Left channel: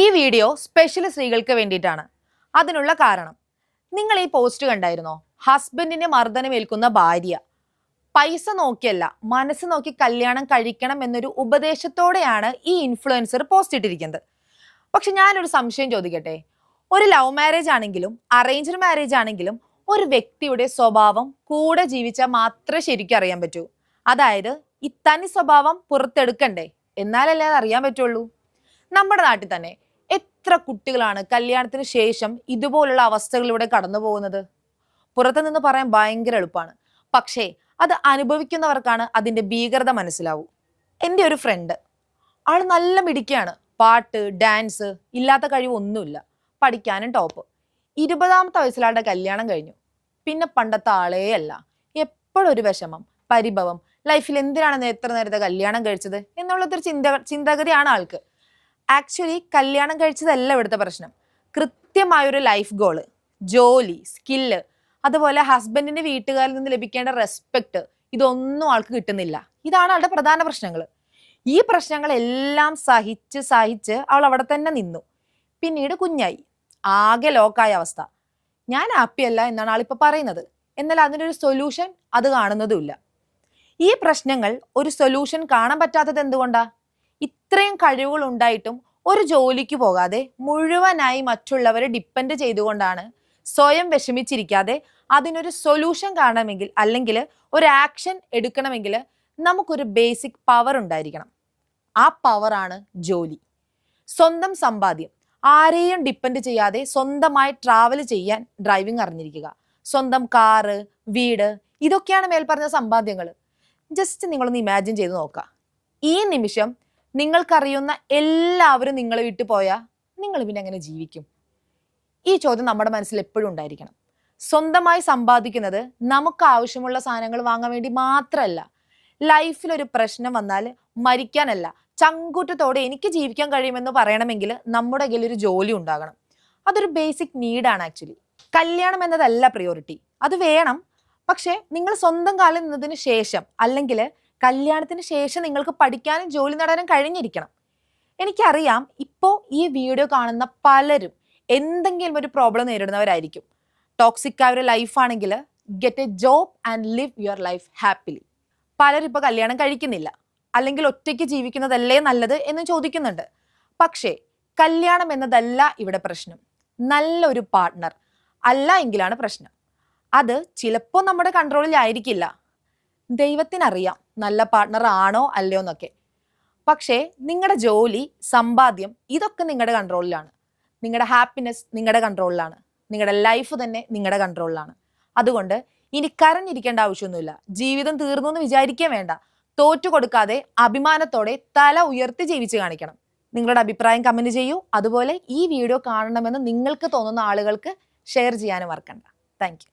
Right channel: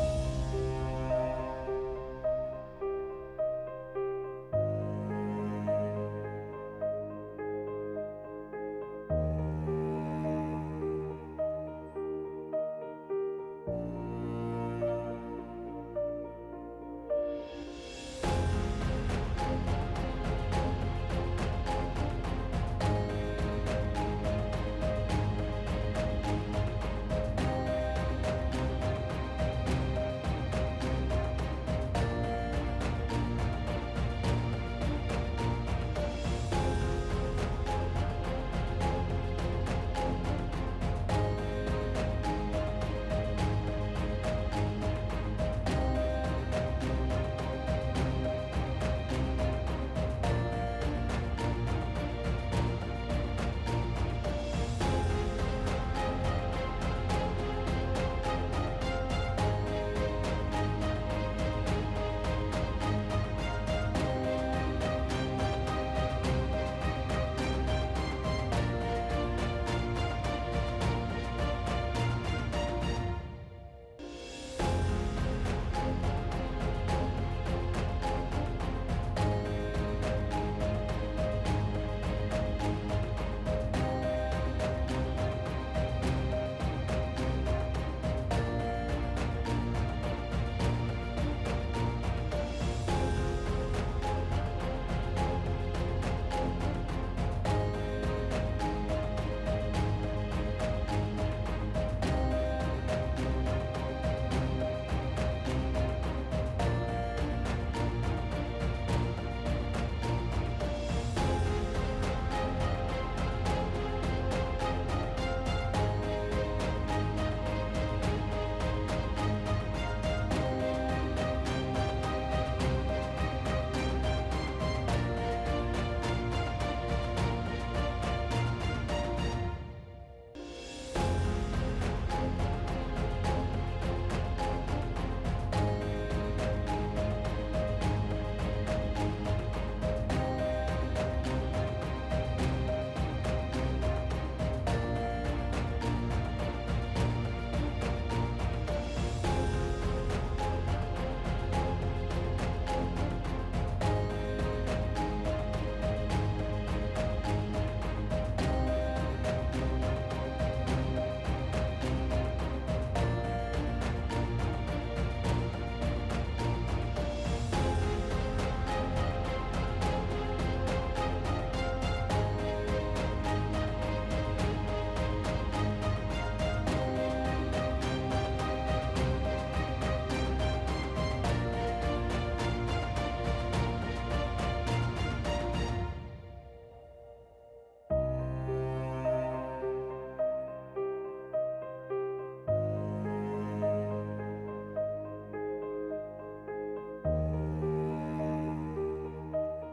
ഈ video special സ്ത്രീകൾക്ക് വേണ്ടിയിട്ടാണ്. അതിനുള്ള കാരണം, നിങ്ങൾ ഈ പോസ്റ്റ് കണ്ടായിരുന്നോ? ഹസ്ബൻഡിന്റെ മർദ്ദനമേൽക്കുന്ന ഭാര്യ പൈസ നോക്കിയല്ല മനസ്സ് നോക്കി കല്യാണം കഴിക്കണം എന്നൊരു ഉപദേശത്തോടെയാണ് ഈ ഇൻഫ്ലുവൻസർ പോസ്റ്റ് ഇട്ടിരിക്കുന്നത്. പക്ഷെ ഞാനൊരു സംശയം ചോദിക്കട്ടെ, ഒരു ലവ് മാരേജ് ആണെങ്കിലും അറേഞ്ച്ഡ് മാരേജ് ആണെങ്കിലും ഒരു വ്യക്തിയുടെ സ്വഭാവം കൂടെ ജീവിച്ചാൽ മാത്രമേ ശരിക്കും അറിയാൻ പറ്റൂ. അതായത് ഈ തനി സ്വഭാവം പുറത്തെടുക്കണ്ടേ, എന്നാലല്ലേ അത് അറിയാൻ പറ്റുള്ളൂ. നമ്മുടെ നാട്ടിൽ തന്നെ എത്ര കുട്ടികളാണ് കല്യാണത്തിന് ശേഷം ഇതുപോലുള്ള അവസ്ഥകളിലൂടെ കടന്നു പോകുന്നത്. പുറത്തു നിന്ന് പറയാൻ ഭയങ്കര എളുപ്പമാണ്, പക്ഷേ അത് അനുഭവിക്കുന്നവർക്കാണ് അതിന്റെ ഭീകരത മനസ്സിലാവും. എൻ്റെ ഒരു ഫ്രണ്ട്, ആള് നല്ല മിടുക്കിയാണ്, പാട്ട് ഡാൻസ് ഇല്ലാത്ത കഴിവൊന്നുമില്ല, പഠിക്കാനും ടോപ്പ്. 20ാമത്തെ വയസ്സിലാളുടെ കല്യാണം കഴിഞ്ഞു. പിന്നെ പണ്ടത്തെ ആളേ അല്ല, എപ്പോഴും ഒരു വിഷമം, പരിഭവം, ലൈഫിൽ എന്തിനാണ് എത്ര നേരത്തെ കല്യാണം കഴിച്ചത് എന്നുള്ളതൊരു ചിന്താഗതിയാണ് ആൾക്ക്. ആക്ച്വലി കല്യാണം കഴിച്ചതല്ല ഇവിടുത്തെ പ്രശ്നം. കൃത്യമായൊരു ലൈഫ് ഗോള്, ജോലി, സ്കില്ല്, അതുപോലെ ഹസ്ബൻഡിന്റെ വീട്ടുകാരിൽ നിന്ന് ലഭിക്കേണ്ട റെസ്പെക്ട്, ഇതൊന്നും ആൾക്ക് കിട്ടുന്നില്ല. ഇതാണ് ആളുടെ പ്രധാന പ്രശ്നങ്ങൾ. ഈ പ്രശ്നങ്ങളെല്ലാം സഹിച്ച് അവൾ അവിടെ തന്നെ നിന്നു. പിന്നീട് കുഞ്ഞായി, ആകെ ലോക്കായ അവസ്ഥ. ഞാൻ ഹാപ്പിയല്ല എന്നാണ് ആളിപ്പോ പറയുന്നത്. എന്നാൽ അതിനൊരു സൊല്യൂഷൻ അത് കാണുന്നതുമില്ല. ഈ പ്രശ്നങ്ങൾ ഒരു സൊല്യൂഷൻ കാണാൻ പറ്റാത്തത് എന്തുകൊണ്ടാ? ഇത്രയും കഴിവുകൾ ഉണ്ടായിട്ടും ഒരു ജോലിക്ക് പോകാതെ മുഴുവനായി മറ്റുള്ളവരെ ഡിപ്പെൻഡ് ചെയ്തുകൊണ്ടാണ്. സ്വയം വിഷമിച്ചിരിക്കാതെ അതിനൊരു സൊല്യൂഷൻ കാണണമെങ്കിൽ, അല്ലെങ്കിൽ ഒരു ആക്ഷൻ എടുക്കണമെങ്കിൽ നമുക്കൊരു ബേസിക് പവർ ഉണ്ടായിരിക്കണം. ആ പവറാണ് ജോലി, സ്വന്തം സമ്പാദ്യം. ആരെയും ഡിപ്പെൻഡ് ചെയ്യാതെ സ്വന്തമായി ട്രാവൽ ചെയ്യാൻ ഡ്രൈവിംഗ് അറിഞ്ഞിരിക്കുക, സ്വന്തം കാറ്, വീട്, ഇതൊക്കെയാണ് മേൽപ്പറഞ്ഞ സമ്പാദ്യങ്ങൾ. ജസ്റ്റ് നിങ്ങളൊന്ന് ഇമാജിൻ ചെയ്ത് നോക്കാം. ഈ നിമിഷം നിങ്ങൾക്കറിയുന്ന എല്ലാവരും നിങ്ങളെ വിട്ടു പോയാൽ നിങ്ങൾ പിന്നെ എങ്ങനെ ജീവിക്കും? ഈ ചോദ്യം നമ്മുടെ മനസ്സിൽ എപ്പോഴും ഉണ്ടായിരിക്കും. സ്വന്തമായി സമ്പാദിക്കുന്നത് നമുക്ക് ആവശ്യമുള്ള സാധനങ്ങൾ വാങ്ങാൻ വേണ്ടി മാത്രമല്ല. ലൈഫിൽ ഒരു പ്രശ്നം വന്നാൽ മരിക്കാനല്ല, ചങ്കൂറ്റത്തോടെ എനിക്ക് ജീവിക്കാൻ കഴിയുമെന്ന് പറയണമെങ്കിൽ നമ്മുടെ കയ്യിൽ ഒരു ജോലി ഉണ്ടാകണം. അതൊരു ബേസിക് നീഡാണ് ആക്ച്വലി. കല്യാണം എന്നതല്ല പ്രിയോറിറ്റി, അത് വേണം. പക്ഷെ നിങ്ങൾ സ്വന്തം കാലിൽ നിന്നതിന് ശേഷം, അല്ലെങ്കിൽ കല്യാണത്തിന് ശേഷം നിങ്ങൾക്ക് പഠിക്കാനും ജോലി നേടാനും കഴിഞ്ഞിരിക്കണം. എനിക്കറിയാം, ഇപ്പോൾ ഈ വീഡിയോ കാണുന്ന പലരും എന്തെങ്കിലും ഒരു പ്രോബ്ലം നേരിടുന്നവരായിരിക്കും. ടോക്സിക് ആയ ഒരു ലൈഫാണെങ്കിൽ get a job and live your life happily. പലരും ഇപ്പോൾ കല്യാണം കഴിക്കുന്നില്ല, അല്ലെങ്കിൽ ഒറ്റയ്ക്ക് ജീവിക്കുന്നതല്ലേ നല്ലത് എന്ന് ചോദിക്കുന്നുണ്ട്. പക്ഷേ കല്യാണം എന്നതല്ല ഇവിടെ പ്രശ്നം. നല്ലൊരു പാർട്ട്ണർ അല്ല എങ്കിലാണ് പ്രശ്നം. അത് ചിലപ്പോൾ നമ്മുടെ കൺട്രോളിലായിരിക്കില്ല. ദൈവത്തിനറിയാം നല്ല പാർട്ട്ണർ ആണോ അല്ലയോ എന്നൊക്കെ. പക്ഷേ നിങ്ങളുടെ ജോലി, സമ്പാദ്യം, ഇതൊക്കെ നിങ്ങളുടെ കൺട്രോളിലാണ്. നിങ്ങളുടെ ഹാപ്പിനെസ് നിങ്ങളുടെ കൺട്രോളിലാണ്. നിങ്ങളുടെ ലൈഫ് തന്നെ നിങ്ങളുടെ കൺട്രോളിലാണ്. അതുകൊണ്ട് ഇനി കരഞ്ഞിരിക്കേണ്ട ആവശ്യമൊന്നുമില്ല. ജീവിതം തീർന്നു എന്ന് വിചാരിക്കാൻ വേണ്ട. തോറ്റു കൊടുക്കാതെ അഭിമാനത്തോടെ തല ഉയർത്തി ജീവിച്ച് കാണിക്കണം. നിങ്ങളുടെ അഭിപ്രായം കമന്റ് ചെയ്യൂ. അതുപോലെ ഈ വീഡിയോ കാണണമെന്ന് നിങ്ങൾക്ക് തോന്നുന്ന ആളുകൾക്ക് ഷെയർ ചെയ്യാനും മറക്കണ്ട. Thank you.